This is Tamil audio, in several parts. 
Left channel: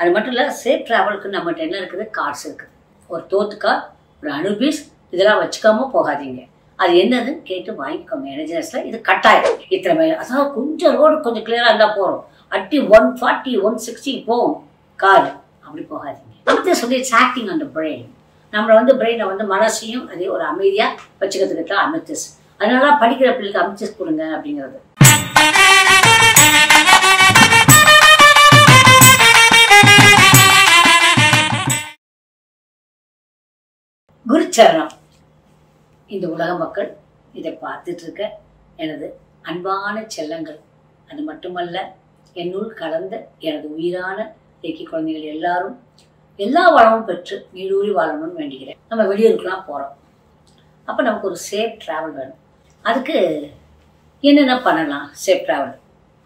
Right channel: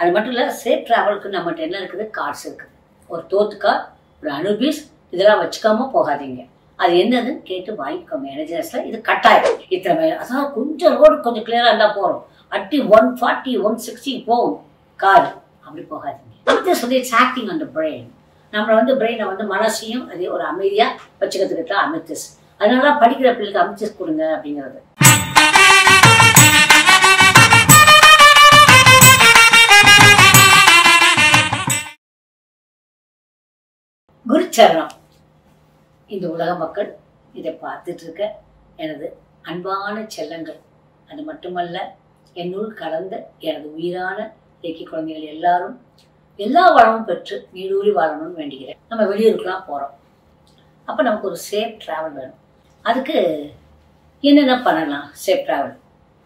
அது மட்டும் இல்லை, சேஃப் ட்ராவலுக்கு நம்மகிட்ட என்ன இருக்குது, கார்ட்ஸ் இருக்குது. ஒரு தோத்து கார்டு, ஒரு அனுபீஸ், இதெல்லாம் வச்சுக்காம போகாதீங்க. அது என்னதுன்னு கேட்டு வாங்கிக்கோங்க. எனர்ஜினஸில் இது கட்டாயம். இத்தனை அதாவது கொஞ்சம் ரோடு கொஞ்சம் கிளியராக இருந்தால் போகிறோம், அட்டி 140 160 போகும் கார், அப்படி போகாதீங்க. அடுத்து சொல்லி ஆக்டிங் ஆன் த பிரெயின். நம்மளை பிரெயினை மனசையும் அதே ஒரு அமைதியாக வச்சுக்கிறதுக்கு தான் அமித்திஸ். அதனால படிக்கிற பிள்ளைக்கு அமித்திஸ் கொடுங்க அப்படிங்கிறது. குருச்சரணம். இந்த உலக மக்கள் இதை பார்த்துட்டு இருக்க எனது அன்பான செல்லங்கள், அது மட்டுமல்ல என்னுள் கலந்த எனது உயிரான ரேக்கி குழந்தைகள் எல்லாரும் எல்லா வளமும் பெற்று நீடூழி வாழணும்னு வேண்டிக்கிறேன். நம்ம வெளியூருக்குலாம் போகிறோம், அப்போ நமக்கு ஒரு சேஃப் ட்ராவல் வேணும். அதுக்கு என்னென்ன பண்ணலாம் சேஃப் ட்ராவல்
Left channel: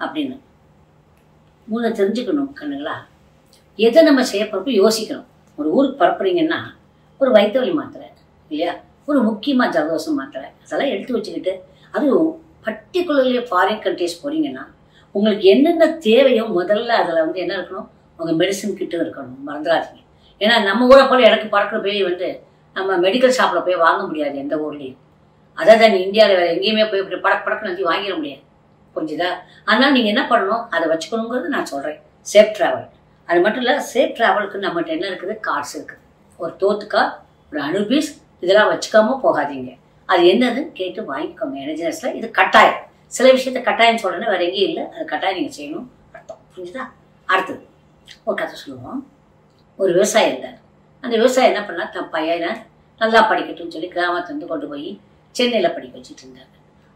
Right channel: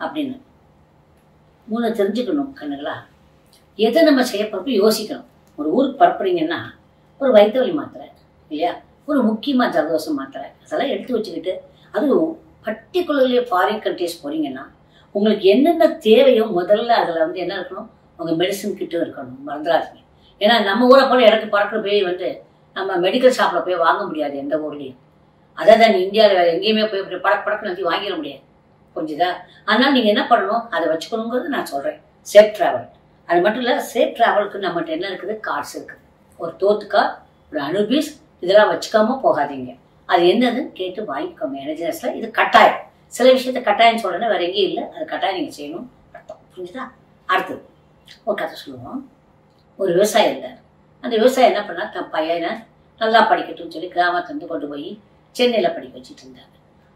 அப்படின்னு மூணு தெரிஞ்சுக்கணும் கண்ணுங்களா. எதை நம்ம செய்ய போகிறப்ப யோசிக்கணும். ஒரு ஊருக்கு பரப்புறீங்கன்னா ஒரு வயிற்று வலி மாத்திரை இல்லையா, ஒரு முக்கியமாக ஜலதோஷம் மாத்திரை, அதெல்லாம் எடுத்து வச்சுக்கிட்டு, அதுவும் பர்டிகுலர்லி ஃபாரின் கண்ட்ரிஸ் போகிறீங்கன்னா உங்களுக்கு என்னென்ன தேவையோ முதல்ல அதில் என்ன இருக்கணும், உங்கள் மெடிசன் கிட்ட இருக்கணும், மறந்துடாதீங்க. ஏன்னா நம்ம ஊரை போல எனக்கு பறக்கிற போய் நம்ம மெடிக்கல் ஷாப்பில் போய் வாங்க முடியாது எந்த ஊர்லேயும். அதான் இந்தியாவில் வேறு எங்கேயுமே போய் இப்படி படக்கு நந்தி வாங்கிட முடியாது, புரிஞ்சுதா? அதனால் நீங்கள் என்ன பண்ணணும், அதை வச்சுக்கணுங்கிறது நான் சொல்கிறேன். Safe travel. அது மட்டும் இல்லை, சேஃப் ட்ராவலுக்கு நம்மகிட்ட என்ன இருக்குது, கார்ட்ஸ் இருக்குது. ஒரு தோத்து கார்டு, ஒரு அனுபீஸ், இதெல்லாம் வச்சுக்காம போகாதீங்க. அது என்னதுன்னு கேட்டு வாங்கிக்கோங்க. எனர்ஜினஸில் இது கட்டாயம். சில விஷயத்த கட்டாயம் சொல்கிறேன்னா வேறு எங்கேயும் இல்லை, அது கட்டாயம் நீங்கள் செய்யணும் அர்த்தம், புரிஞ்சுதா? அடுத்தது ஒரு கதை சொல்லுவோம். ஒரு விவசாயி இருந்தார். அந்த விவசாயி என்ன பண்ணால் தன் பையனை நல்லா படிக்கட்டும்னு சொல்லி கிராமத்துலேருந்து கொண்டு போய் சென்னையில் படிக்க வச்சுட்டு இருந்தார்.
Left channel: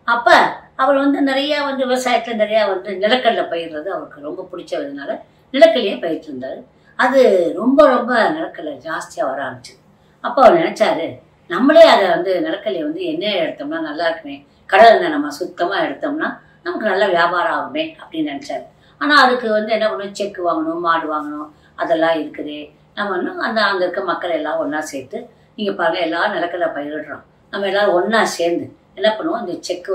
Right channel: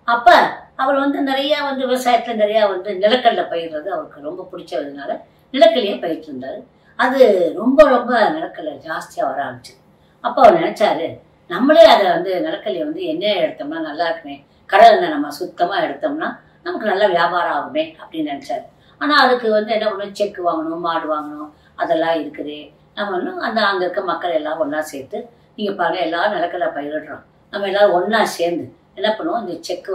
அப்போ அவர் நிறையா விவசாயத்தில் நிறையா நிலக்கடலை பயிர்றது அவருக்கு ரொம்ப பிடிச்சதுனால நிலக்கடலையே பயிர்த்து இருந்தார். அது ரொம்ப ரொம்ப நிலக்கடலை ஜாஸ்தியாக வர ஆரம்பிச்சிது. அப்போ அவர் நினச்சாரு, நம்மளே அதை நிலக்கடலையை எண்ணெய் எடுத்தோம்னா நல்லா இருக்குமே, கடலை நம்ம சுத்தமாக எடுத்தோம்னா நமக்கு நல்ல வியாபாரம் ஆகுமே அப்படின்னு நினச்சாரு. ஆனால் அதுக்கு என்ன பண்ணணும், செக்கு வாங்கணும், மாடு வாங்கணும், அதெல்லாம் இருக்குது. நம்ம அங்கே இருக்க மக்கள் எல்லாம் ஒன்றா சேர்த்து, நீங்கள் பாருங்கள் எல்லாரும் நிலக்கடலை பயிரிடுறோம், நம்ம எல்லோரும் ஒன்றா சேர்ந்து என்ன பண்ணுவோம், இந்த செக்கு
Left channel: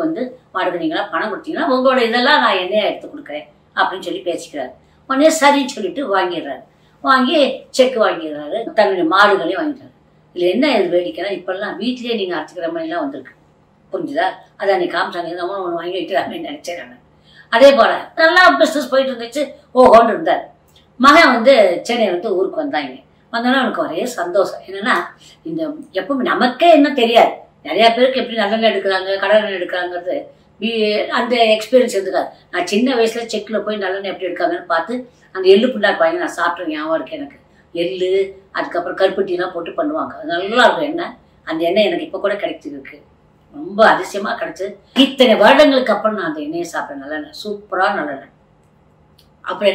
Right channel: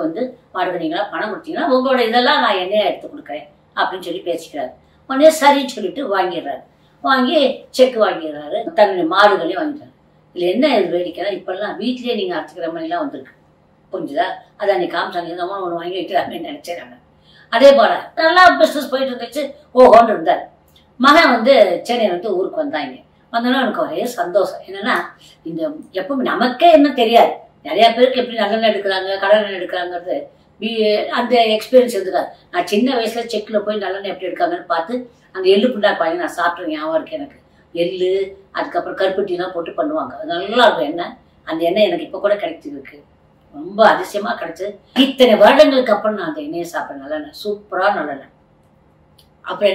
மாடுக்கு நீங்களாம் பணம் கொடுத்தீங்கன்னா உங்களோட இதெல்லாம் நான் எண்ணெயை எடுத்து கொடுக்குறேன் அப்படின்னு சொல்லி பேசிக்கிறாரு. உடனே சரின்னு சொல்லிட்டு வாங்கிடுறாரு. வாங்கி செக்கு வாங்கிடுறாரு, தன்னுடைய மாடுகளையும் வாங்கிட்டாரு. இதில் என்ன இது வேடிக்கைன்னா, இப்போல்லாம் வீட்லேயே நீங்கள் அரைச்சிக்கிற மாதிரிலாம் வந்திருக்கு, புரிஞ்சுதா? அதை அன்றைக்கி காமிச்சாங்க, இந்த மாதிரி ஒன்று வாங்கி வைக்கிறாங்கன்னு நினச்சேன் நான். அதே போல் நல்லா பிஸ்னஸ் போயிட்டு இருந்துச்சு, ஓஹோன்னு இருந்தார். மகன் சென்னை ஊருக்கு வந்தாங்க. வந்தோன்னா எனக்கு ஒரே சந்தோஷம். என்னென்னா, இந்த எப்பவுமே நமக்கே என்ன தெரியாது, நிறையா பேருக்கு எப்படி நல்லெண்ணெய் எடுக்கிறாங்க கடலெண்ணெய் எடுக்கிறாங்கிறது அந்த எக்ஸ்பீரியன்ஸ் இருந்துக்காது. நான் சின்ன வயசில் செக்கில் போய் நல்லெண்ணெய் எப்படி எடுக்காங்கன்னு பார்த்து அந்த எள்ளு புண்டாக்கு வாங்கி நான் சாப்பிட்றேன், ஞாபகம் இருக்குது எனக்கு. எள்ளு, அதுக்கப்புறம் கருப்பட்டிலாம் போட்டு பண்ணுவாங்க, அது நல்லா இருக்கும் எண்ணெய். அந்த எண்ணெய் எனக்கு இப்போ கூட கிடைச்சிருக்கு, ரொம்ப அதிசயமாக கிடச்சி. இத்தனை வருடங்களுக்கு அப்புறம் நான் அந்த எண்ணெயை சாப்பிட்றேன், நல்லெண்ணெய், சூப்பராக நல்லெண்ணெய். அப்புறம்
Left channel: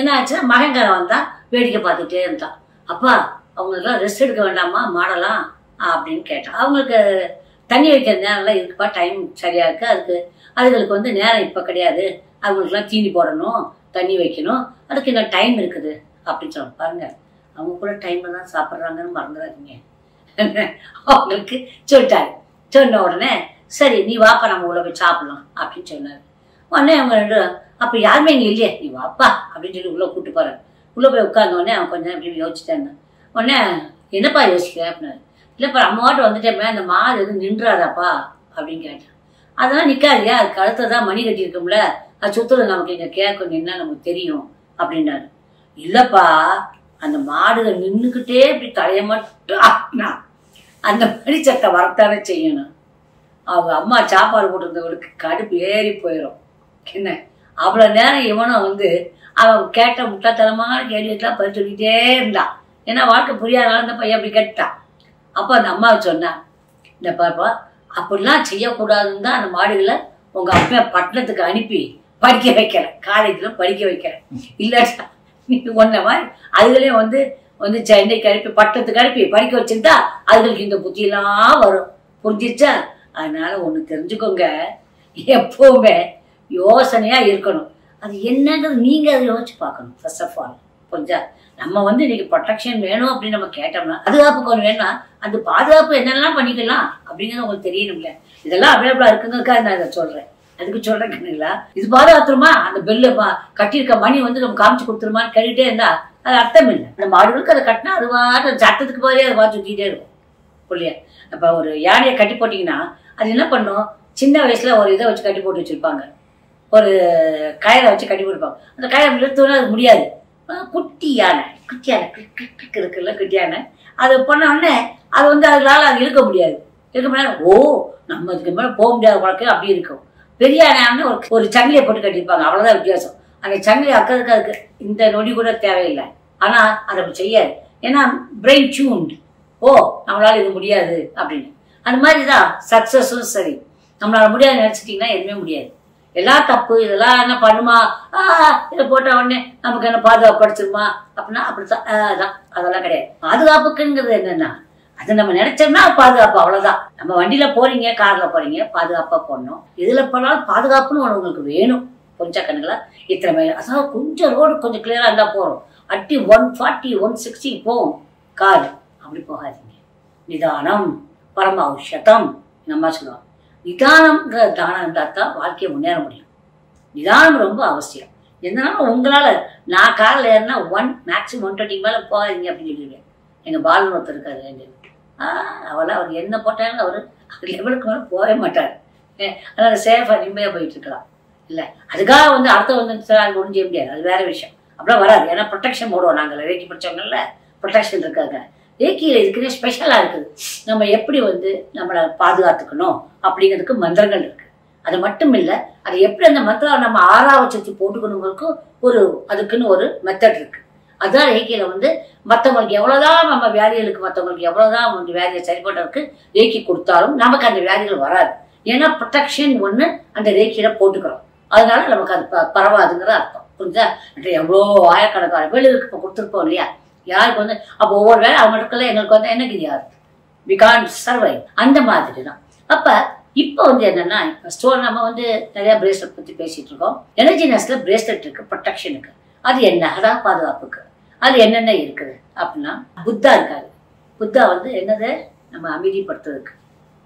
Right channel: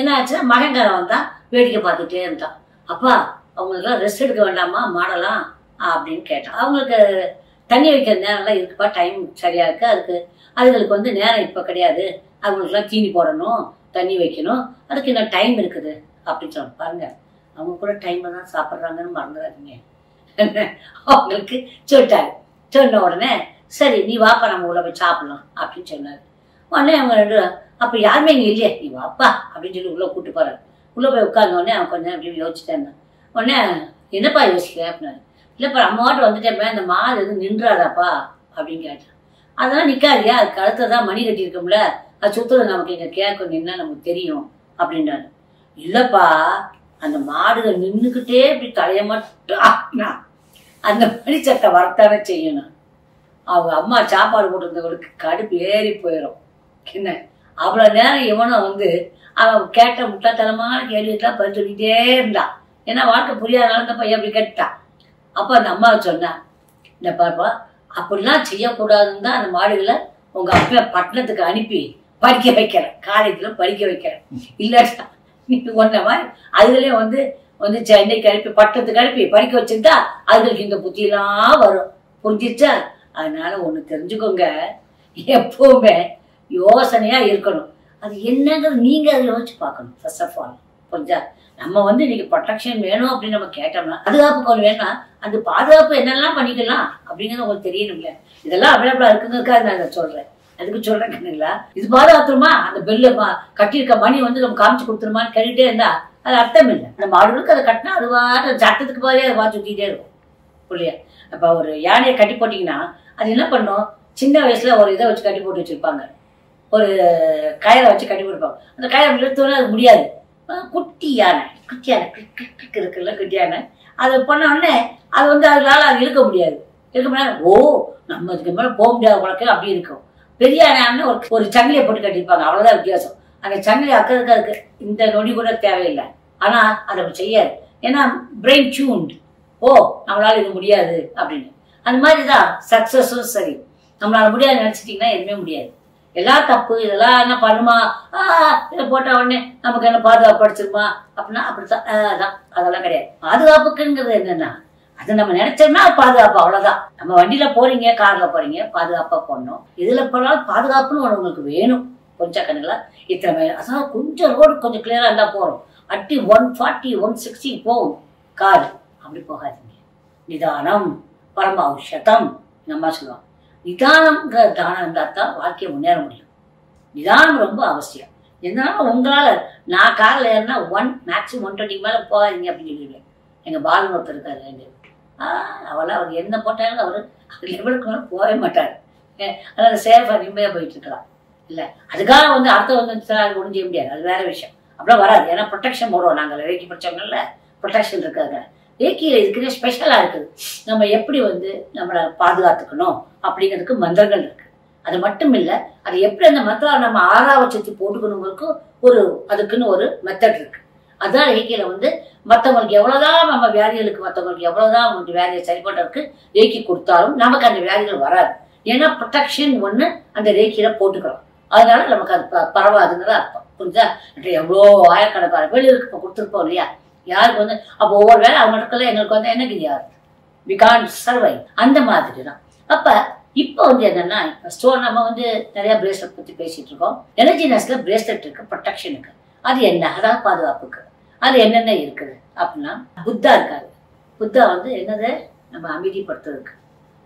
என்ன ஆச்சுன்னா மகன்காரன் வந்தான், வேடிக்கை பார்த்துட்டே இருந்தான். அப்பா அவங்களுக்குலாம் ரெஸ்ட் எடுக்க வேண்டாமா மாடலாம் அப்படின்னு கேட்டான். அவங்களுக்கு தண்ணி வைக்கிற நேரம்லாம் இருக்குப்பா, டைம் சரியாக இருக்குது, அதுகளுக்கு நேரம் இப்போ கிடையாது, அவங்களுக்குலாம் தீனி போடணும், தண்ணி வைக்கணும், அதுக்கு இன்னும் டைம் இருக்குது அப்படின்னு சொன்னாங்க. பாருங்கள், அவங்க கூட டைமில் தான் சாப்பிட்றாங்கன்னு மறந்துடாதீங்க. அவங்களுக்கு சொல்லிட்டாரு. சொன்ன உடனே சரி நீ வாப்பா நம்ம உள்ள போய் சாப்பிட்லாம் அப்படின்னு சொன்னார். உடனே அவங்க ரெண்டு, அப்போ யாருமே இங்கே இல்லையே, நீ வாப்பா அப்படின்னு சொல்லி உள்ளே கூப்பிட்டு போகிறார். உள்ளே போய் உட்கார்ந்தோடனே அவன் கொஞ்சம் நேரம் அப்படி யோசிச்சிட்டேன். உடனே என்னப்பா யோசிக்கிறேன் அப்படின்னாரு. இல்லைப்பா நம்ம வாட்டு வந்துட்டேன், அந்த மாடு எதுவும் நின்றாதாப்பா அப்படின்னு கேட்டேன். அதெல்லாம் நிற்காதியா, அதுக்கு அடுத்ததான் மணி கட்டியிருக்கோம்ல, அது சுற்றுறது நமக்கு இங்கே கேட்கும், நின்னா நமக்கு தெரியும் அப்படின்னாரு. இல்லைப்பா அந்த மாடுகள் நின்றுக்கிட்டே இப்படி தலையை மட்டும் அந்த மணி சட்டை வரத்தானே செய்யணும். அவங்க அம்மா சாப்பாடு போட்டிருந்தவங்களுக்கு கடுப்பு ஏறி போயிடும். என்ன அவ்வளோ நேரம் இவனும் அவன் கேட்ட முட்டாத்தனமான கேள்விக்கெல்லாம் பதில் சொல்லிக்கிட்டே இருந்தான். ஏன்னா வாழ்க்கை புரியாதனால இந்த பையன் அப்படி கேட்டான். அப்போ அந்த அம்மாவை சொன்னான், இந்த பாப்பா அப்படிலாம் செய்யக்கூடாதுன்னு தான் அந்த மாடுகளை உங்கள் அப்பா பட்டணத்துக்கு அனுப்பி படிக்க வைக்கிறேன், காலேஜில் படிக்க வைக்கிறேன். இல்லாட்டா நீ ஒன்றை மாதிரி அதுகளையும் சென்னைக்கு அனுப்பி பட்டணத்துக்கு அனுப்பி படிக்க வச்சுருந்தா அதுகளுக்கு இந்த புத்தியெல்லாம் வரும், புரிஞ்சிச்சா? அதனால ஒன்று தெரிஞ்சுக்கோங்க, எப்பவுமே யோசனையாக இருக்கணும். அது என்னங்கிறது நீங்கள் அதை யோசிச்சு பார்க்கணும் ஃபர்ஸ்ட் ஆஃப் ஆல், புரிஞ்சா? நம்ம இன்னைக்கு ப்ரொடெக்ஷன் வேணும் அப்படின்னு நம்ம கேட்டோம்னா, பாதுகாப்புக்கு ஒன்று வேணும்னா அந்த பாதுகாப்பு என்னெல்லாம் பண்ணிக்கலாம் அப்படிங்கிறது உங்களுக்கு தெரியணும்ல. இதெல்லாம் அவைலபிளாக இருக்குங்கிறதுக்காக நான் இதை சொல்கிறேன். அதுக்கு சொல்றேன் கண்ணுங்களா, இது பாதுகாத்துருமா, அந்த பெல்ல கட்டியிருக்க மணி வந்து நம்ம காமிச்சு கொடுத்துருமான்னு கேட்டுட்டே இருந்தா அது அர்த்தம் இல்லை. அந்த மாடுகளுக்கு அதை கட்டினா அதுவாக சட்டத்துக்கு பாதியே அதை பார்த்து சுற்றிட்டே இருக்கும் இல்லையா. அப்போ ஒரு யானையை கட்டி போட்டிங்கன்னா அது என்ன பண்ணும், சின்ன வயசுல ஒரு இதை வச்சு கட்டி போட்டு வச்சிருப்பாங்க, ஒரு கயிறை வச்சு கட்டி போட்டுருப்பாங்க. அந்த கயிறை இழுத்தோன்னே அது முடியாது. குட்டி யானை இருக்குல்ல, குட்டி யானை அதை பண்ண உடனே அது வந்து அதனால அது இழுக்க முடியாது. இருக்க முடியாது. ஓ நம்ம இதுக்கு மேலே போக முடியாத குழக்க அப்படி இருக்கும். பெரிய யானை ஒரு சங்கிலியை போட்டு கட்டியிருப்பாங்க, அவ்வளோதான் வித்தியாசம். அந்த சங்கிலி அக்கிறதுக்கு அதுக்கு இந்த நொடி கூட தேவையில்லை. ஆனால் அதை அப்படி செய்யாது. ஏன்னா பிரெயின் டியூன்டு, ஓ நம்மளால இது முடியாது அப்படின்னு. அந்த மாதிரி தான் சக்ஸஸும் சரி. நம்மளால முடியாது நினச்சிட்டிங்கன்னா எதுவுமே முடியாது. எல்லாம் தப்பு, இதெல்லாம் என்ன பண்ணுமா, இதை போட்ட உடனே நமக்கு என்ன பாதுகாப்பு படிச்சிருமா அப்படின்னா அப்படித்தான். அதெல்லாம் கிடையாது. பாதுகாப்புக்குங்கிறது என்னன்னா, அது நம்ம நினைச்சோம்னா பாதுகாப்பு, அவ்வளவுதான். நம்ம வண்டியில போறீங்க, கார்ல போறீங்க, பாதுகாப்பா போடணும். இதுல போனாலும் பாதுகாப்புன்னு ஒன்று உங்களுக்கு வேணும். கொஞ்சம் கண்ணுங்களா இத்தனை மைல், அதாவது கொஞ்சம் ரோடு கொஞ்சம் கிளியரா இருந்தா போறோம். அட்டி 140 160 போகும் கார். அப்படி போகாதீங்க. நிதானம் பரம ஔஷதம் நம்ம சொல்லுவாங்க. நிதானம்ங்கிற தானம் இருந்தால் தான் வாழ்க்கையை முன்னேற முடியும். நிதானம் ரொம்ப அவசியம். என்னாலும் உங்களால நான் காரில் ஏறினா மேக்ஸிமம் 120 மேலே போகாதீங்க அப்படின்னு சொல்லிடுவேன். எங்கள் பாலன் ஒருத்தர் இருக்காரு, அவர் என்ன போட்டாலும் அவர் லெவலுக்கு மேலே போகவே மாட்டார். அதனால சேஃபாக நிம்மதியாக போயிட்டு இருக்கலாம். இல்லை அதுக்காக வந்து அடுத்த வந்து அது ஒன்றும் செய்ய முடியாது, அது வேற விஷயம். அப்படிலாம் வராது. ஏன்னா ப்ரொடெக்ஷன் போடுவோம் நாங்கள். ரேக்கி படித்தவங்கல்ல ப்ரொடெக்ஷன் இருக்காங்க. ரேக்கியில் இருக்குன்னே ஸ்பெஷலாக இருக்குது. நம்ம எப்படி வந்து நம்மளை பாதுகாத்துக்கணும் அப்படிங்கிறதுக்கு மந்திரங்கள் இருக்குது. அது மட்டும் இல்லை, அது எப்படி அந்த மந்திரம் நம்ம ஆறாவச்சத்தி போட்டுக்கணுங்கிறதுக்கு அதுக்குன்னு ஒரு மெத்தட் இருக்குது. அதுதான் ரேக்கியில் வந்து மற்றவங்களுக்கு எவ்வளோதான் நம்ம வியாதிகளுக்கு மற்றவங்களுக்கு எவ்வளோதான் வந்து வியாதியை சரி பண்ணுறதுக்கு ரேக்கி கொடுத்தாலும் நமக்கு அந்த வியாதிகள் வராது. ஏன்னா ப்ரொடெக்ஷன் ஒன்று அந்த ரேக்கியில் போட்டுக்கிறோம். அதனால நமக்கு அது பரவாதுங்கிற அர்த்தம். புரிஞ்சா? எவ்வளோ ஆயிரக்கணக்கான பேருக்கு இப்போ கொடுத்துருப்போம் இல்லையா. யாருக்கு வந்து அப்போ ஒவ்வொரு வேலை அவங்க இருக்கல, எங்களுக்கு வந்து எனக்கு யார் வி கான்ட் சர்வைவ். அந்த மாதிரி தான். அப்போ இப்போ வந்து என்னன்னா, ஸ்டோர் நம்ம வந்து நிறைய பிரேஸ்லெட் பற்றி பேசிட்டு இருக்கோம். எனர்ஜினஸ்ல பிரேஸ்லெட் இருக்கு, ப்ரொடெக்ஷனுக்கு. அது என்ன, அதான் பாதுகாப்புக்கு. அது என்னென்ன இருக்குது அப்படின்னா, புத்தா இருக்காரு. புத்தா வந்து என்னது, நம்ம அமைதிப்படுத்துறதுக்கு,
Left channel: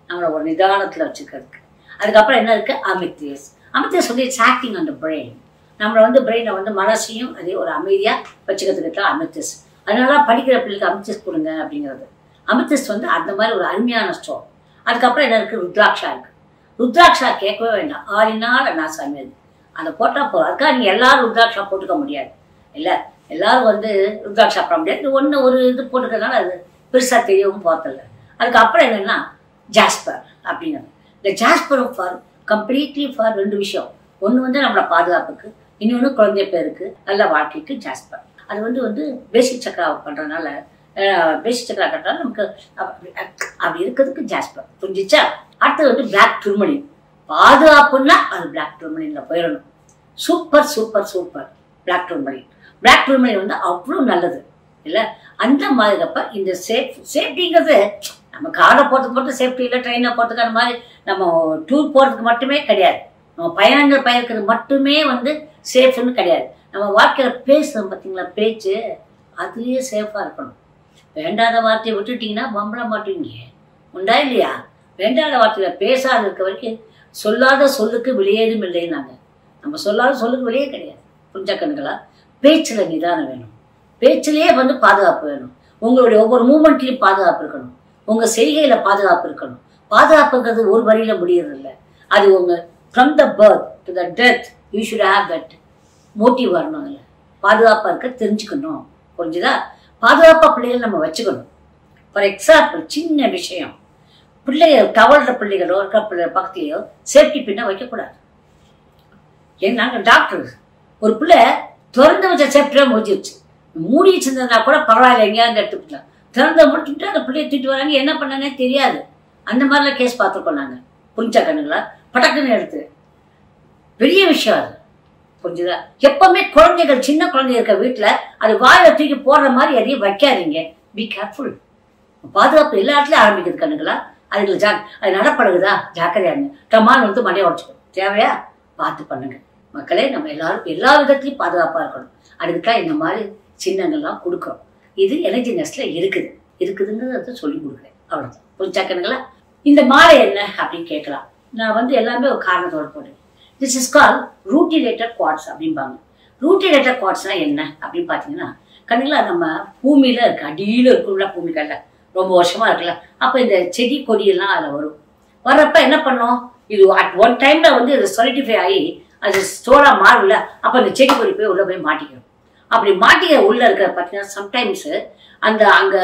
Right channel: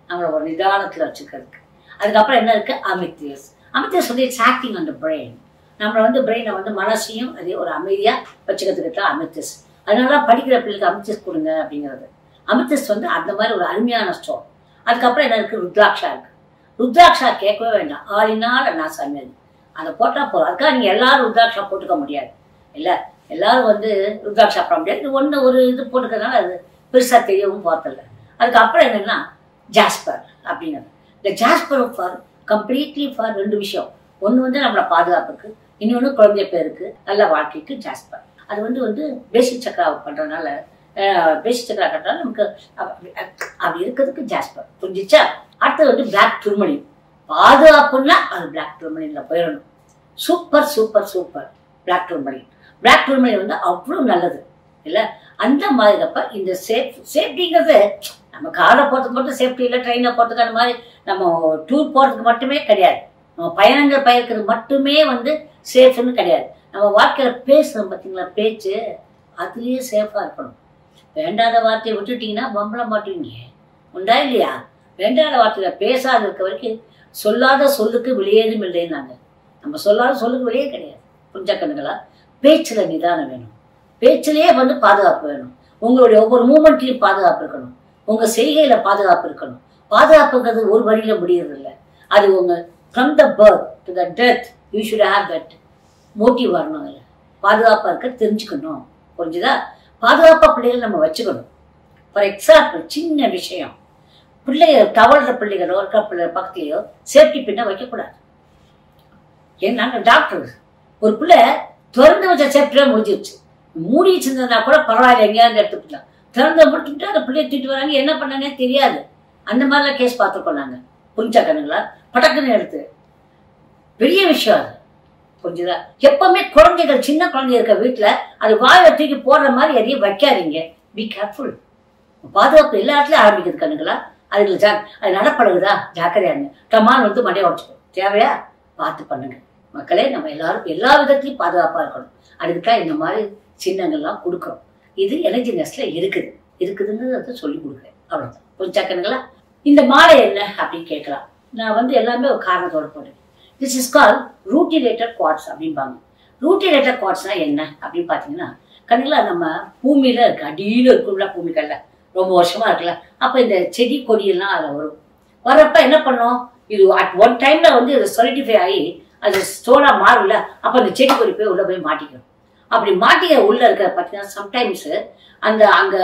நம்மளை ஒரு நிதானத்தில் வச்சுக்கிறதுக்கு. அதுக்கப்புறம் என்ன இருக்கு, அமித்தியஸ். அமித்தியஸ் வந்து it's acting on the brain. நம்மளை வந்து பிரெயினை வந்து மனசையும் அதே ஒரு அமைதியாக வச்சுக்கிறதுக்கு தான் அமித்தியஸ். அதனால படிக்கிற பிள்ளைக்கு அமித்தியஸ் கொடுங்க அப்படிங்கிறது. அமித்தியஸ் வந்து அந்த மாதிரி ஒரு அருமையான ஸ்டோன். அதுக்கப்புறம் என்ன இருக்கு, ருத்ராட்சா இருக்கு. ருத்ராட்சா கேட்கவே வேண்டாம், ஆளினால் நான் சமையல் அதை போட்டால் போதும். அதுக்காக நீங்கள் எல்லாரும் ருத்ராட்சா போட்டுக்க முடியாது இல்லை. எல்லாரும் வந்து ருத்ராட்சா போட முடியாது. இது ஒரு இது போட்டுக்கிறதுனால அது பெருசாக தெரியவும் போகிறதில்ல. அதுக்கப்புறம் என்னென்னா ஜாஸ்பர் அப்படிங்கிறது. இந்த ஜாஸ்பர் ஃபார் கம்ப்ளீட்லி ஃபார் ரெண்டு விஷயம். ஒன்று வந்து நம்மளோட பாதுகாப்புக்கு, இன்னொன்று குழந்தை பேருக்கு, நல்ல வாழ்க்கைக்கு ஜாஸ்பர். அது வந்து பேசிக் சக்கரா பண்ணுறதுனால, பேசிக் சக்கரா கட்டுறதுனால நமக்கு அப்படி இருக்கிறதுக்கு ஜாஸ்பர். புரிஞ்சிச்சா? அடுத்தது வந்து பிளாக் டூர்மலின். பாதுகாப்புன்னா அது பிளாக் டூர்மலின்ல போயிடணும். Super super super black tourmaline. Black tourmaline வந்து அவ்வளோ நல்லது இல்லை. அந்த மாதிரிப்ப இந்த சேஃப்டிங்கிறது நம்ம காரில் போகிறதுக்கு மட்டும் சேஃப்டி இல்லை, ட்ரெயினில் போகிறதுக்கு அந்த மாதிரி நம்ம டூர் போகிறதுக்கு மட்டுமே கிடையாது. நம்ம பயணங்கள் பயக்கிறது மட்டுமே வந்து சேஃப்னு கிடையாது. நம்ம வாழ்க்கையில் பேசுகிறோம் பார்த்தீங்களா, பேச்சு, அதுலேயே சேஃபாக இருக்கணும். வேண்டாத வார்த்தையை விட்டுட்டிங்கன்னா பம்பள மாட்டீங்க, உண்டா இல்லையா? வேண்டாத வார்த்தையில் பேசாத இருக்க வரைக்கும் சொல்லாத சொல்லுக்கு வெளியேதும் இல்லைன்னாங்க. நம்ம சொல்லாத சொல்லுக்கு வெளியே கிடையாது. புரிஞ்சா கண்ணுங்களா? பேச்சில் நிதானம் வேணும், பேச்சிலேயே வந்து பாதுகாப்பு வேணும். உங்களுடைய ஒவ்வொரு மூமெண்ட்லையும் பாதுகாப்பு இருக்கணும், உங்கள் செய்கையில் பாதுகாப்பு இருக்கணும். பாதுகாப்புங்கிறது ஒரு வழியில் முடியறது இல்லை. அது உங்கள் from the birth to the death you should have that motive வரணும். இல்லை பாதுகாப்பாக இருக்க தெரிஞ்சுக்கணும். புரிஞ்சுதா? பாதுகாப்பாக பிள்ளைகள் நம்ம வச்சுக்கணும். ஃபார் எக்ஸாம்பிள், சின்ன விஷயம், பிள்ளைகள் தவழ்கிற பிள்ளைகளோ இருக்கிற பிள்ளைகள் பக்கத்துலையோ சேஃப்டி பின்ன வைக்கக்கூடாது. ஏன் நாங்கள் டாக்டர், ஒரு பிள்ளை திறந்து வச்ச சேஃப்டியே முடிஞ்சிருச்சு, மூடி வச்சிருந்ததுனா கூட பரவாயில்ல, எங்கேயாவது எடுத்துக்கலாம். திறந்த முடிச்சுட்டு அந்த பிள்ளைய தூக்கிட்டு வராங்க, என்ன பண்ணனே தெரியாது. அந்த மாதிரிலாம் கேஸ் பார்த்துருக்கோம் நாங்கள். புரிஞ்சா கண்ணுங்களா? பட்டக்குன்னு எடுத்து பெரிய விஷயம் அது. புரிஞ்சுதா? எப்பவுமே குழந்தைகள், சின்ன குழந்தை இருக்க வீட்டில் அது வாயில தூக்கி போடுற மாதிரி எதையும் வைக்காதீங்க. Be careful. பாதுகாப்பு எல்லா இடத்துலையும் ஆரம்பிக்குது கண்ணுங்களா. அதுக்கு அது நடப்படுகுதா, ஜாக்கிரதையாங்க. டமால் வந்து மண்டையை உடச்சுக்கணும். தேவையா பார்த்து பண்ணுங்க மக்களே. நம்ம எல்லாரும் எல்லா விதத்துலையும் பாதுகாப்பாக இருக்கணும். அதுக்குதான் இந்த மாதிரி சின்னங்கள்லாம் கொடுக்குறோம். இது எனர்ஜினஸ்ல இருக்குதுங்கிறத சொல்லி கொடுக்குறேன். அவ்வளோதான். புரிஞ்சா கண்ணுங்களா? இந்த மாலை என்ன அப்படின்னு கேட்கலாம். நான் வந்து எல்லாமே ஒரு காரணத்தோடு போடுறேன். திஸ் இஸ் கால் ரூட்டிலேட்டட் குவார்ட்ஸ் அப்படிம்பாங்க. ரூட்டிலேட்டட் குவார்ட்ஸ்னா என்ன அப்படின்னு பார்த்தீங்கன்னா, கண்ணுங்களா நம்ம பூமியில இருக்கு, அடியில் இருக்கும்ல பூமிக்கல்ல, ரொம்ப வருஷமா இருக்குல்ல. அப்போ இந்த செடி கொடியெல்லாம் அதில் வரும். வர்றப்ப என்ன பண்ணோம், இது அட் ஒன் டைம்ல வந்து இது சொலிட்டிஃபை ஆகி அது ஸ்டோனா மாறும்ல. அப்போ அந்த செடி கொடி போய் உள்ள போய் மாட்டிக்கணும். அப்படி மாட்டிக்க உள்ள இருக்கிற பார்த்தீங்கன்னா சம்டைம்ஸ் அந்த அங்க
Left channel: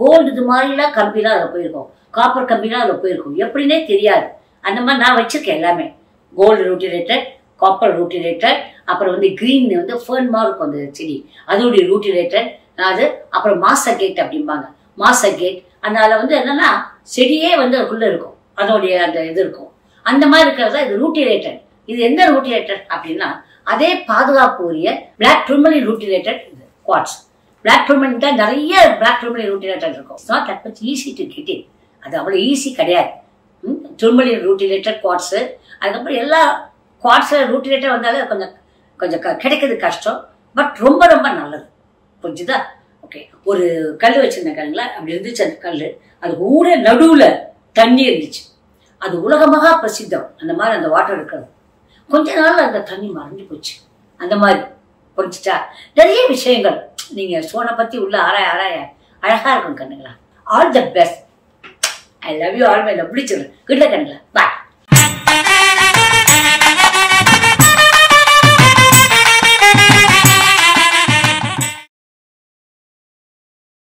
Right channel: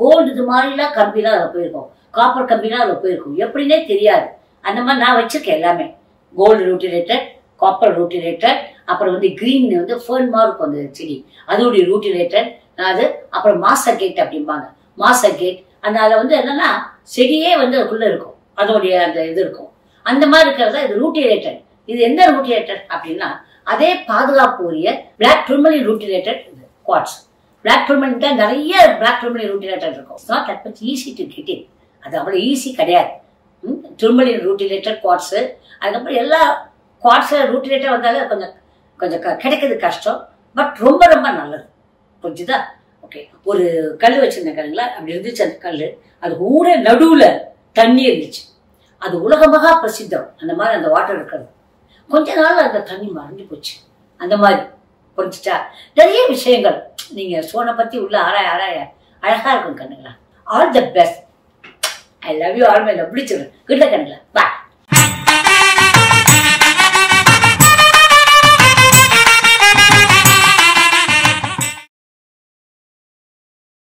கோல்டு இது மாதிரிலாம் கம்பிலாம் அதில் போயிருக்கும், காப்பர் கம்பிலாம் அதில் போயிருக்கும், எப்படின்னே தெரியாது. அந்த மாதிரி நான் வச்சிருக்கேன் எல்லாமே. கோல்டு ரூட்டிலேட்டட், காப்பர் ரூட்டிலேட்டட், அப்புறம் வந்து கிரீன் வந்து ஃபேர்ன் மாதிரி இருக்கும் அந்த செடி, அதோடைய ரூட்டிலேட்டட் அது. அப்புறம் மாசகேட் அப்படிம்பாங்க, மாசகேட். அதனால வந்து என்னன்னா செடியே வந்து அதுக்குள்ள இருக்கும், அதோடைய அந்த இது இருக்கும். அந்த மாதிரி இருக்கிறதா இது ரூட்டிலேட்டட். இது எந்த ரூட்டிலேட்டட் அப்படின்னா அதே பாதுகாப்பு உரிய black tourmaline rutilated quartz. Black tourmaline தான் நிறைய பிளாக் டூர்மலின் ரூட்டிலேட்டட் இருக்கும். It's not that much easy to get it. அது அவ்வளோ ஈஸி கிடையாது. Tourmaline rutilated quartz. அதுக்கப்புறம் எல்லா குவார்ட்ஸில் ரூட்டிலேட்டட் வந்தாலே கொஞ்சம் கொஞ்சம் கிடைக்கிறது கஷ்டம், பட் ரொம்ப ரொம்ப நல்லது. புரிஞ்சுதா? ஓகே. ஒரு கல் வச்சிருந்தேன் கல்லுங்களா, அப்படி இருந்துச்சு அந்த கல். அது ஊர நடுவில் தண்ணி இருந்துச்சு. அது உலகமாக பிரசித்தம் அந்த மாதிரி அந்த வாட்டர் இருக்கிறது. கொஞ்ச நாள் அந்த தண்ணி மறைஞ்சு போச்சு. அந்த மாதிரி புரிஞ்சுட்டா? நிறைய விஷயங்கள் நீங்க சோனை பத்தி உள்ள ஆராய ஆராய அழகா இருக்கும் கண்ணுங்களா. All the best. I love you all. My love. பிடிச்சிருக்கேன். குட் லக் கண்ணுங்களா. பாய்.